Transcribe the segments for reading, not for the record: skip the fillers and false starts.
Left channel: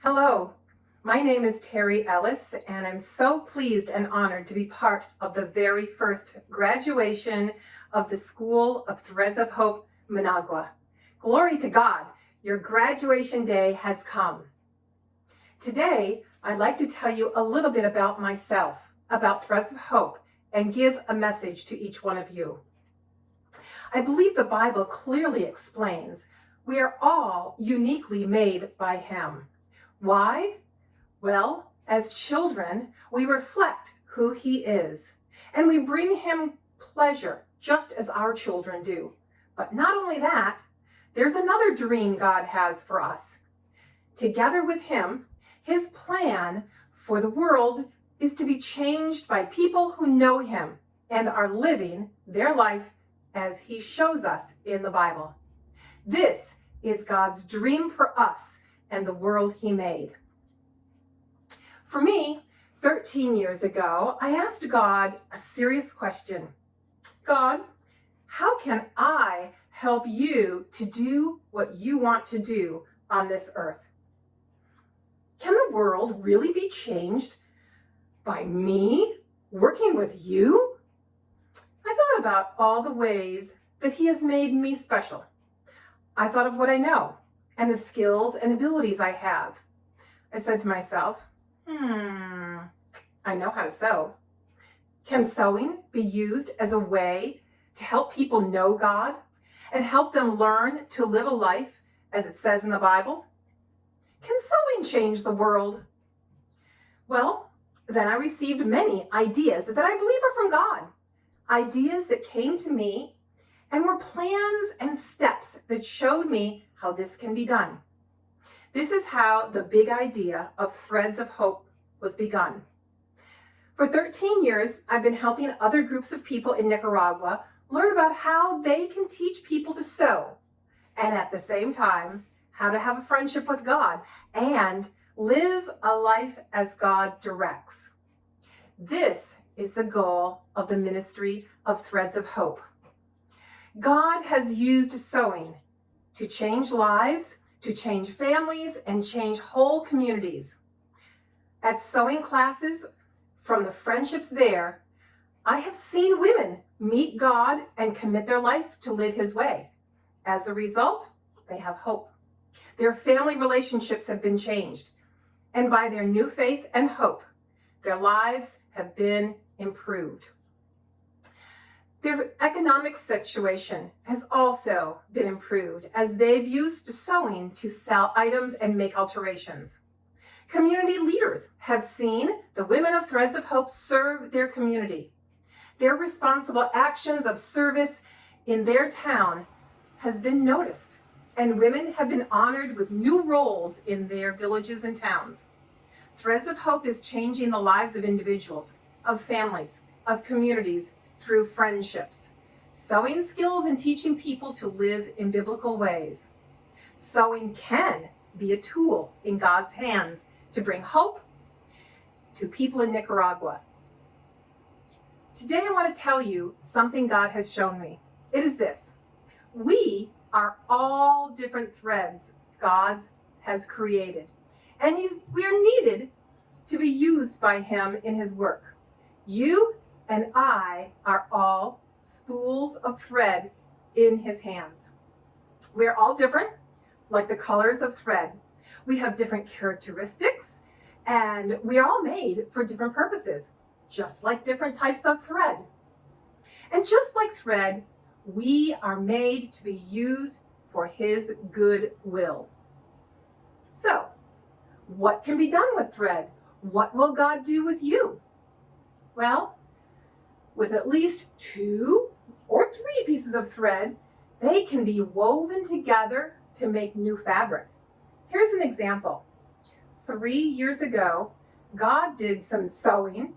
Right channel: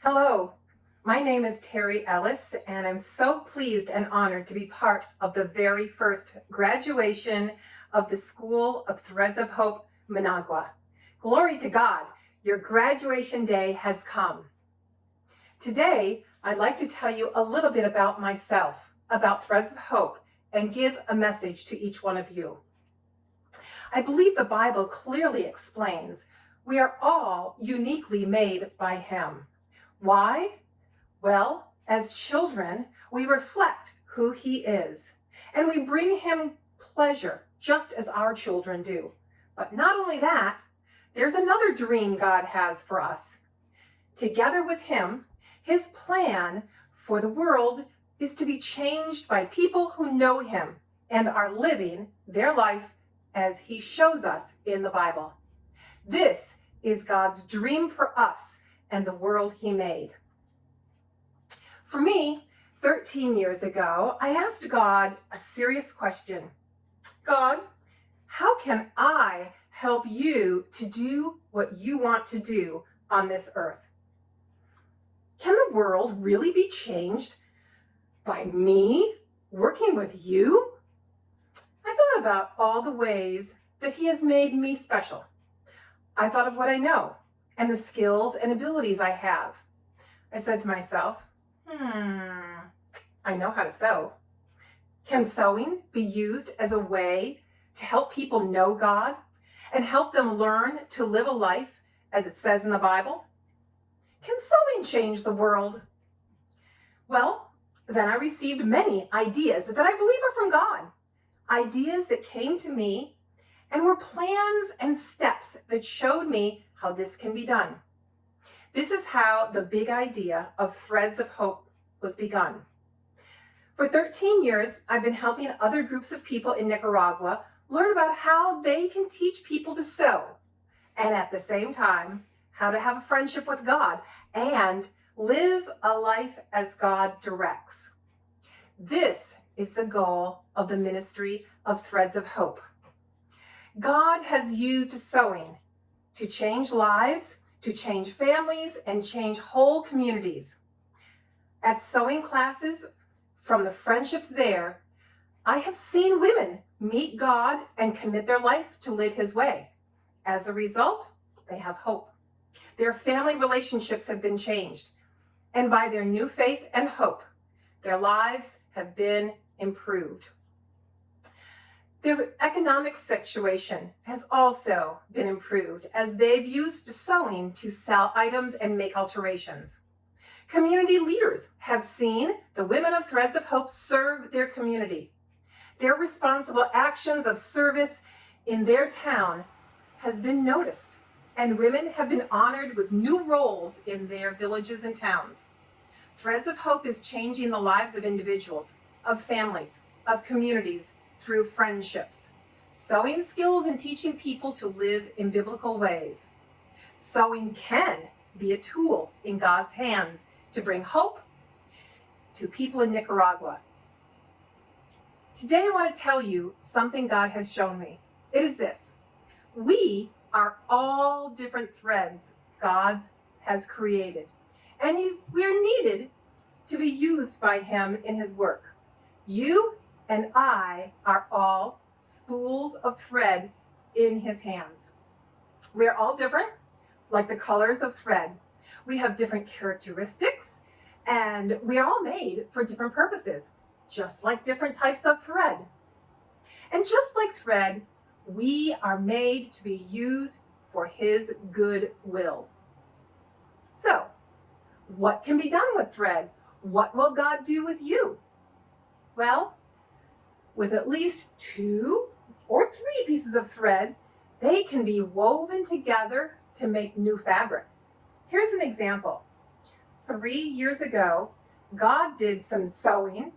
Hello, my name is Ellis, and I'm so pleased and honored to be part of the very first graduation of the School of Threads of Hope, Managua. Glory to God, your graduation day has come. Today, I'd like to tell you a little bit about myself, about Threads of Hope, and give a message to each one of you. I believe the Bible clearly explains we are all uniquely made by Him. Why? Well, as children, we reflect who He is, and we bring Him pleasure, just as our children do. But not only that, there's another dream God has for us. Together with Him, His plan for the world is to be changed by people who know Him and are living their life as He shows us in the Bible. This is God's dream for us and the world He made. For me, 13 years ago, I asked God a serious question. God, how can I help you to do what you want to do on this earth? Can the world really be changed by me working with you? I thought about all the ways that He has made me special. I thought of what I know and the skills and abilities I have. I said to myself, I know how to sew. Can sewing be used as a way to help people know God and help them learn to live a life as it says in the Bible? Can sewing change the world? Well, then I received many ideas that I believe are from God. Ideas that came to me and were plans and steps that showed me how this can be done. This is how the big idea of Threads of Hope was begun. For 13 years, I've been helping other groups of people in Nicaragua learn about how they can teach people to sew, and at the same time, how to have a friendship with God and live a life as God directs. This is the goal of the ministry of Threads of Hope. God has used sewing to change lives, to change families, and change whole communities. At sewing classes, from the friendships there, I have seen women meet God and commit their life to live His way. As a result, they have hope. Their family relationships have been changed, and by their new faith and hope, their lives have been improved. Their economic situation has also been improved as they've used sewing to sell items and make alterations. Community leaders have seen the women of Threads of Hope serve their community. Their responsible actions of service in their town has been noticed, and women have been honored with new roles in their villages and towns. Threads of Hope is changing the lives of individuals, of families, of communities, through friendships, sewing skills and teaching people to live in biblical ways. Sewing can be a tool in God's hands to bring hope to people in Nicaragua. Today I want to tell you something God has shown me. It is this: we are all different threads God has created, and we are needed to be used by Him in His work. You and I are all spools of thread in His hands. We're all different, like the colors of thread. We have different characteristics, and we are all made for different purposes, just like different types of thread. And just like thread, we are made to be used for His good will. So, what can be done with thread? What will God do with you? Well, with at least 2 or 3 pieces of thread, they can be woven together to make new fabric. Here's an example. 3 years ago, God did some sewing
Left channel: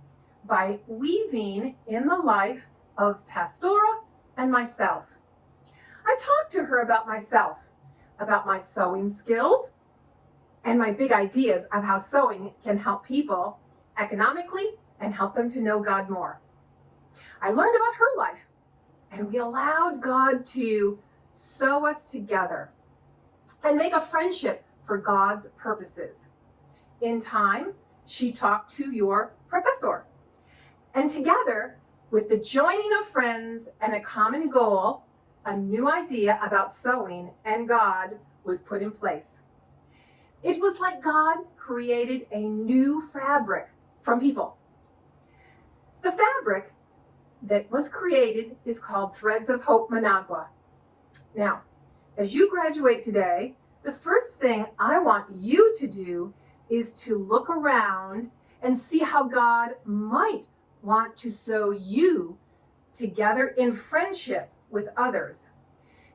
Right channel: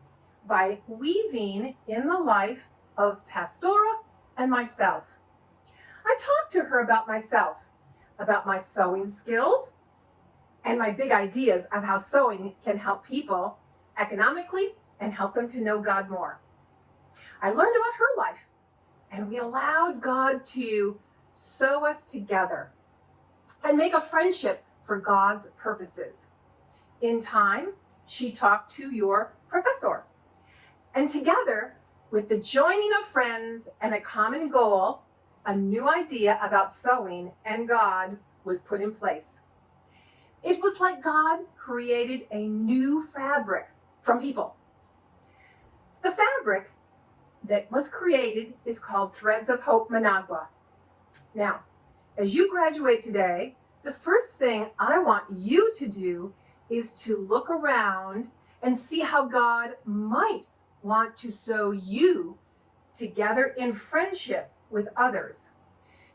by weaving in the life of Pastora and myself. I talked to her about myself, about my sewing skills, and my big ideas of how sewing can help people economically and help them to know God more. I learned about her life, and we allowed God to sew us together and make a friendship for God's purposes. In time, she talked to your professor. And together, with the joining of friends and a common goal, a new idea about sewing and God was put in place. It was like God created a new fabric from people. The fabric that was created is called Threads of Hope Managua. Now, as you graduate today, the first thing I want you to do is to look around and see how God might want to sew you together in friendship with others.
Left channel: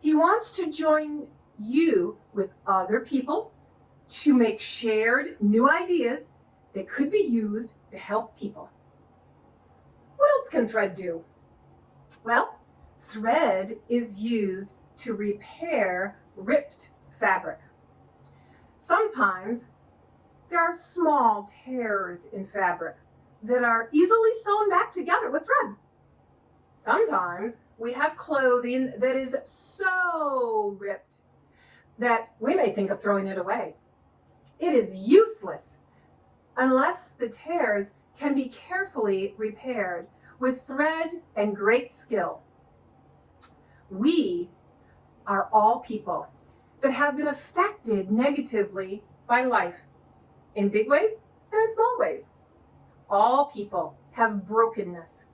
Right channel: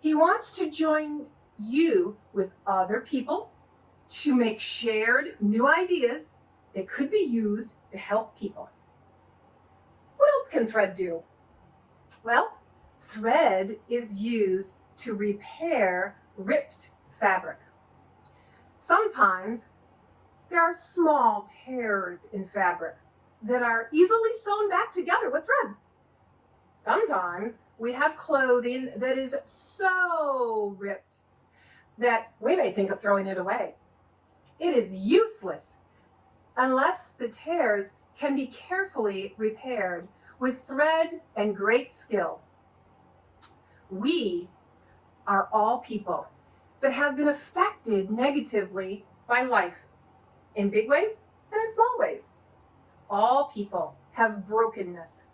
He wants to join you with other people to make shared new ideas that could be used to help people. What else can thread do? Well, thread is used to repair ripped fabric. Sometimes there are small tears in fabric that are easily sewn back together with thread. Sometimes we have clothing that is so ripped that we may think of throwing it away. It is useless unless the tears can be carefully repaired with thread and great skill. We are all people that have been affected negatively by life, in big ways and in small ways. All people have brokenness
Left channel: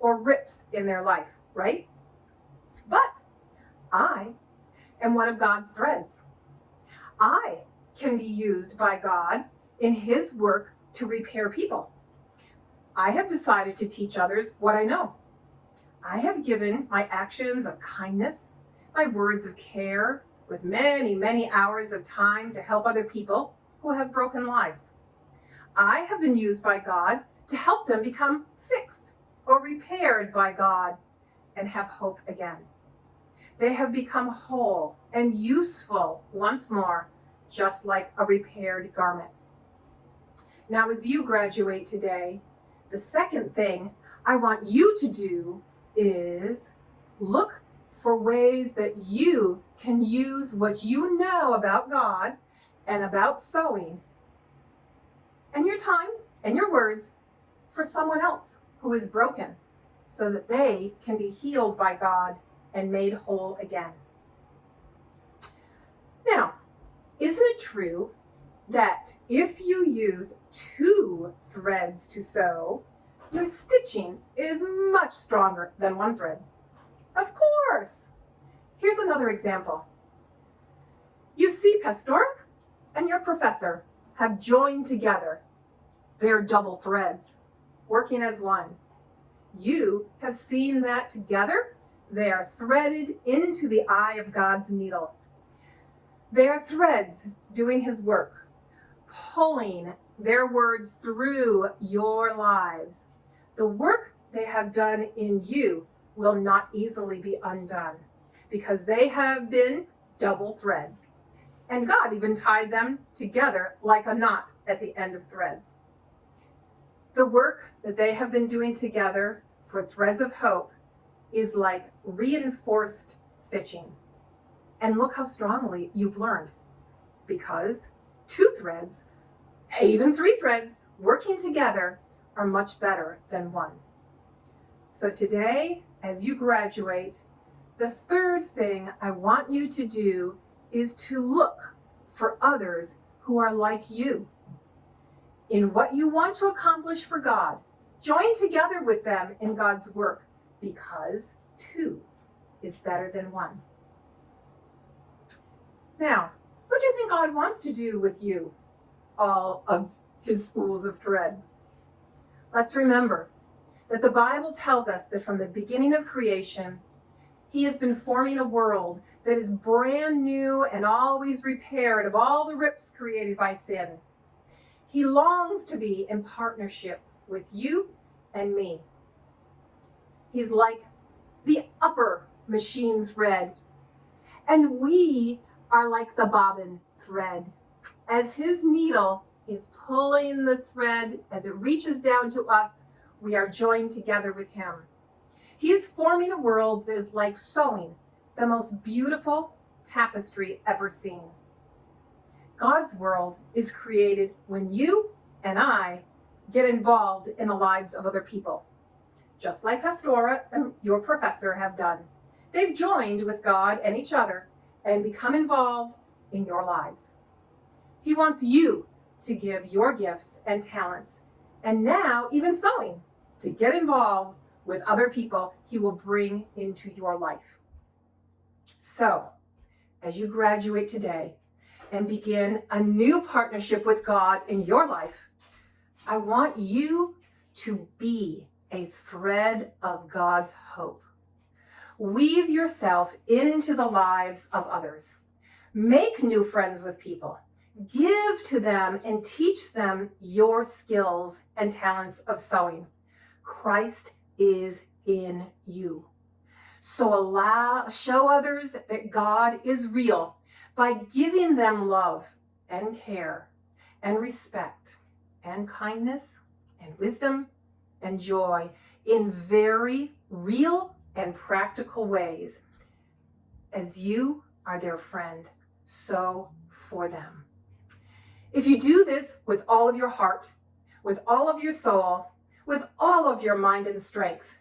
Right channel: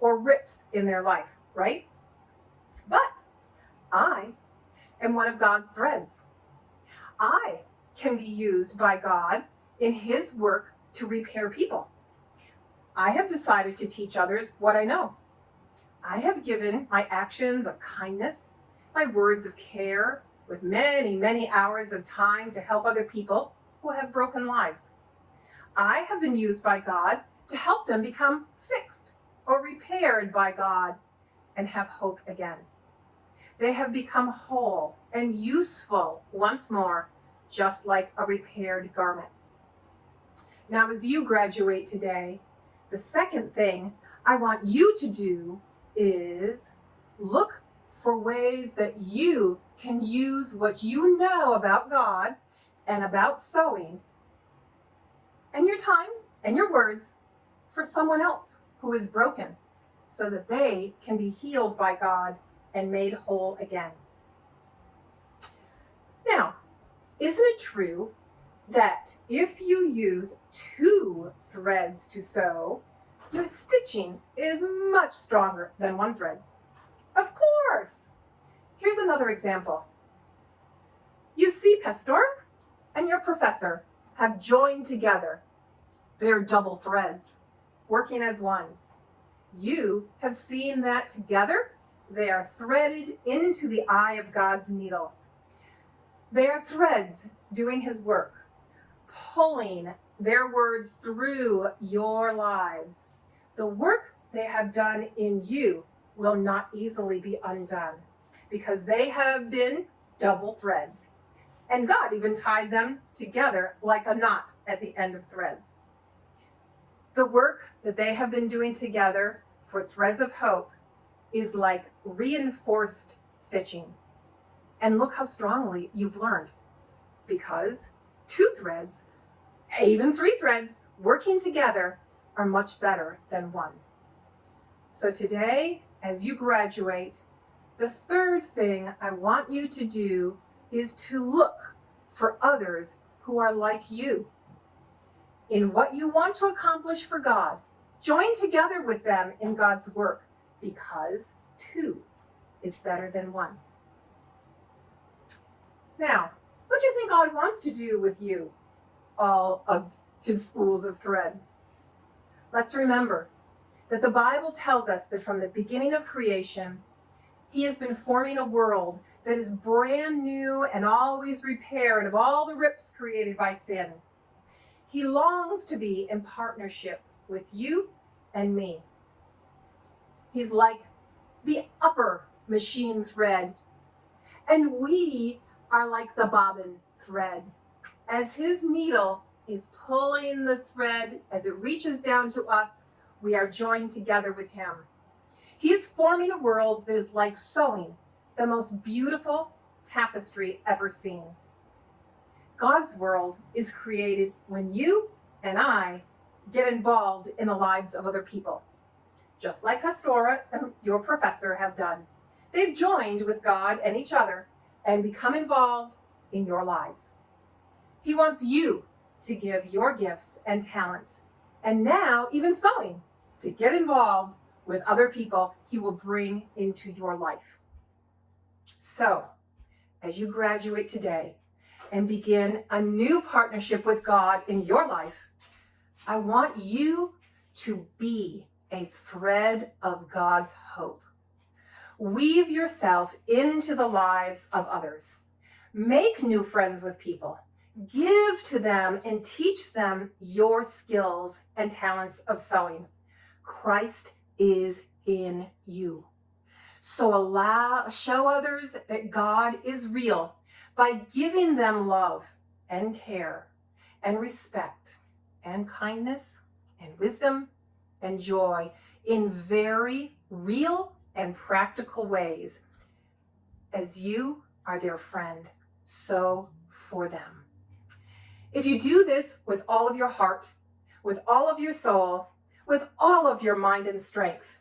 or rips in their life, right? But I am one of God's threads. I can be used by God in His work to repair people. I have decided to teach others what I know. I have given my actions of kindness, my words of care, with many, many hours of time to help other people who have broken lives. I have been used by God to help them become fixed or repaired by God and have hope again. They have become whole and useful once more, just like a repaired garment. Now, as you graduate today, the second thing I want you to do is look for ways that you can use what you know about God and about sewing and your time and your words for someone else who is broken so that they can be healed by God and made whole again. Now, isn't it true that if you use 2 threads to sew, your stitching is much stronger than 1 thread? Of course! Here's another example. You see, Pastor and your professor have joined together. They're double threads, working as one. You have seen that together they are threaded into the eye of God's needle. They are threads doing His work, pulling their words through your lives. The work they have done in you will not easily be undone because they have been double thread. And God even tied them together like a knot at the end of threads. The work that they have been doing together for Threads of Hope is like reinforced stitching. And look how strongly you've learned, because 2 threads, even 3 threads working together are much better than 1. So today, as you graduate, the third thing I want you to do is to look for others who are like you in what you want to accomplish for God. Join together with them in God's work, because 2 is better than 1. Now, what do you think God wants to do with you, all of His spools of thread? Let's remember that the Bible tells us that from the beginning of creation, He has been forming a world that is brand new and always repaired of all the rips created by sin. He longs to be in partnership with you and me. He's like the upper machine thread, and we are like the bobbin thread. As His needle is pulling the thread, as it reaches down to us, we are joined together with Him. He is forming a world that is like sewing the most beautiful tapestry ever seen. God's world is created when you and I get involved in the lives of other people, just like Pastora and your professor have done. They've joined with God and each other and become involved in your lives. He wants you to give your gifts and talents, and now even sewing, to get involved with other people He will bring into your life. So, as you graduate today and begin a new partnership with God in your life, I want you to be a thread of God's hope. Weave yourself into the lives of others. Make new friends with people. Give to them and teach them your skills and talents of sewing. Christ is in you. So show others that God is real by giving them love and care and respect and kindness and wisdom and joy in very real and practical ways. As you are their friend, so for them. If you do this with all of your heart, with all of your soul, with all of your mind and strength,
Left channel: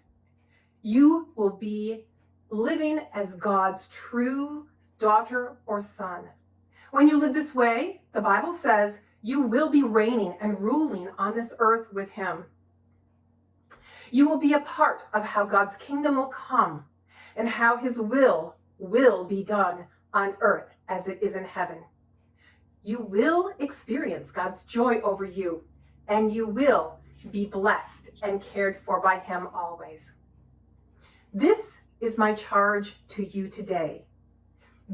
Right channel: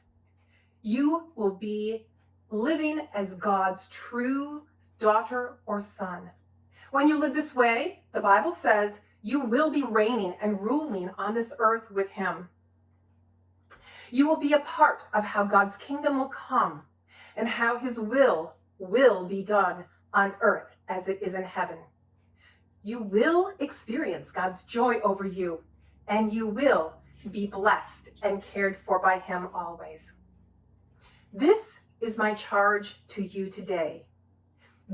you will be living as God's true daughter or son. When you live this way, the Bible says you will be reigning and ruling on this earth with Him. You will be a part of how God's kingdom will come and how His will be done on earth as it is in heaven. You will experience God's joy over you, and you will be blessed and cared for by Him always. This is my charge to you today.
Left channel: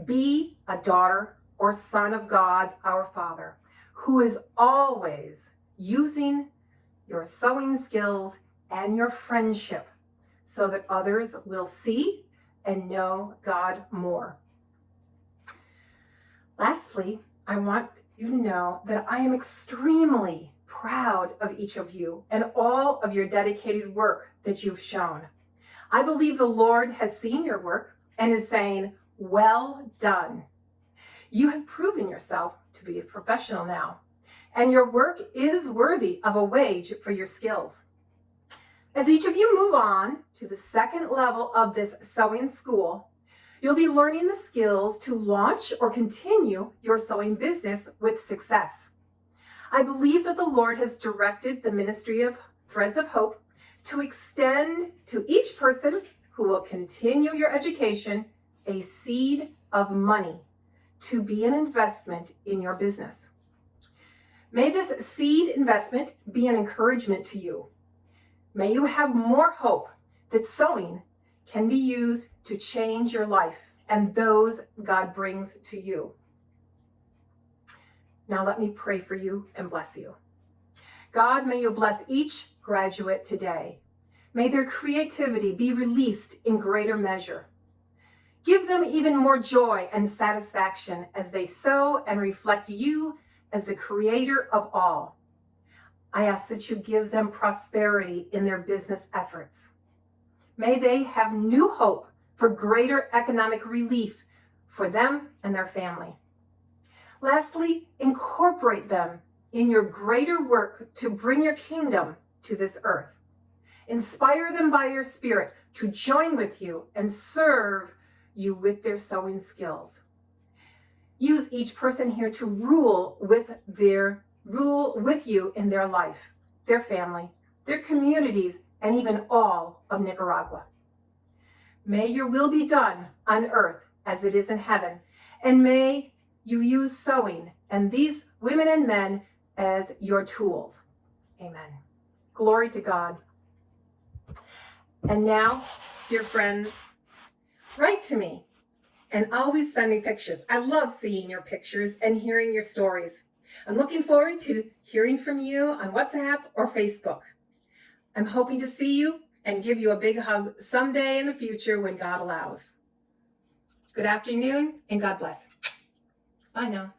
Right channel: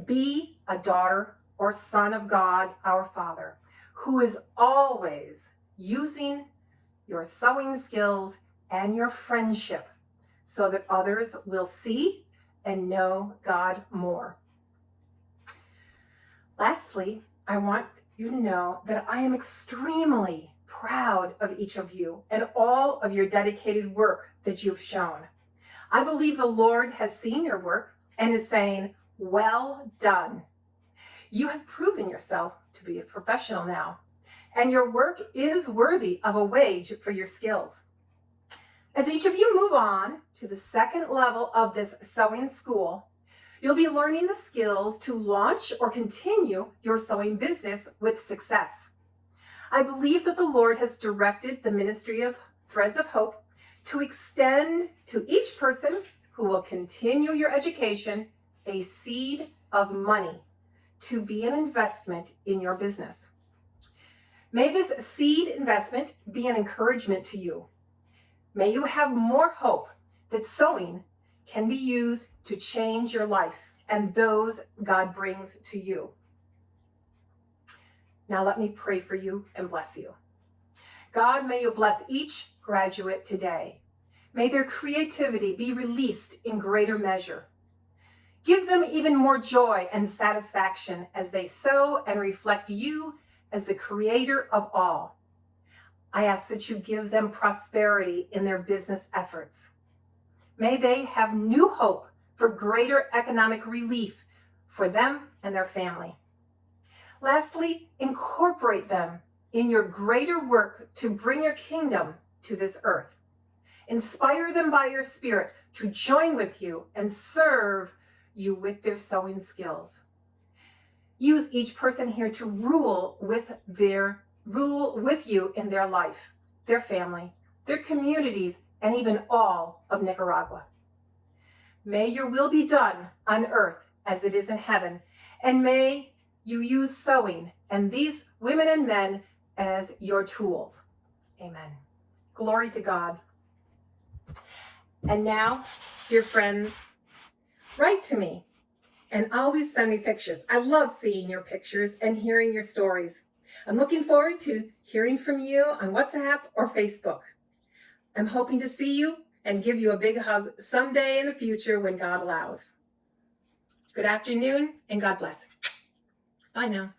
Be a daughter or son of God, our Father, who is always using your sewing skills and your friendship so that others will see and know God more. Lastly, I want you to know that I am extremely proud of each of you and all of your dedicated work that you've shown. I believe the Lord has seen your work and is saying, well done. You have proven yourself to be a professional now, and your work is worthy of a wage for your skills. As each of you move on to the second level of this sewing school, you'll be learning the skills to launch or continue your sewing business with success. I believe that the Lord has directed the ministry of Threads of Hope to extend to each person who will continue your education a seed of money to be an investment in your business. May this seed investment be an encouragement to you. May you have more hope that sewing can be used to change your life and those God brings to you. Now let me pray for you and bless you. God, may you bless each graduate today. May their creativity be released in greater measure. Give them even more joy and satisfaction as they sew and reflect you as the creator of all. I ask that you give them prosperity in their business efforts. May they have new hope for greater economic relief for them and their family. Lastly, incorporate them in your greater work to bring your kingdom to this earth. Inspire them by your Spirit to join with you and serve you with their sewing skills. Use each person here to rule with you in their life, their family, their communities, and even all of Nicaragua. May your will be done on earth as it is in heaven, and may you use sewing and these women and men as your tools. Amen. Glory to God. And now, dear friends, write to me and always send me pictures. I love seeing your pictures and hearing your stories. I'm looking forward to hearing from you on WhatsApp or Facebook. I'm hoping to see you and give you a big hug someday in the future when God allows. Good afternoon and God bless. Bye now.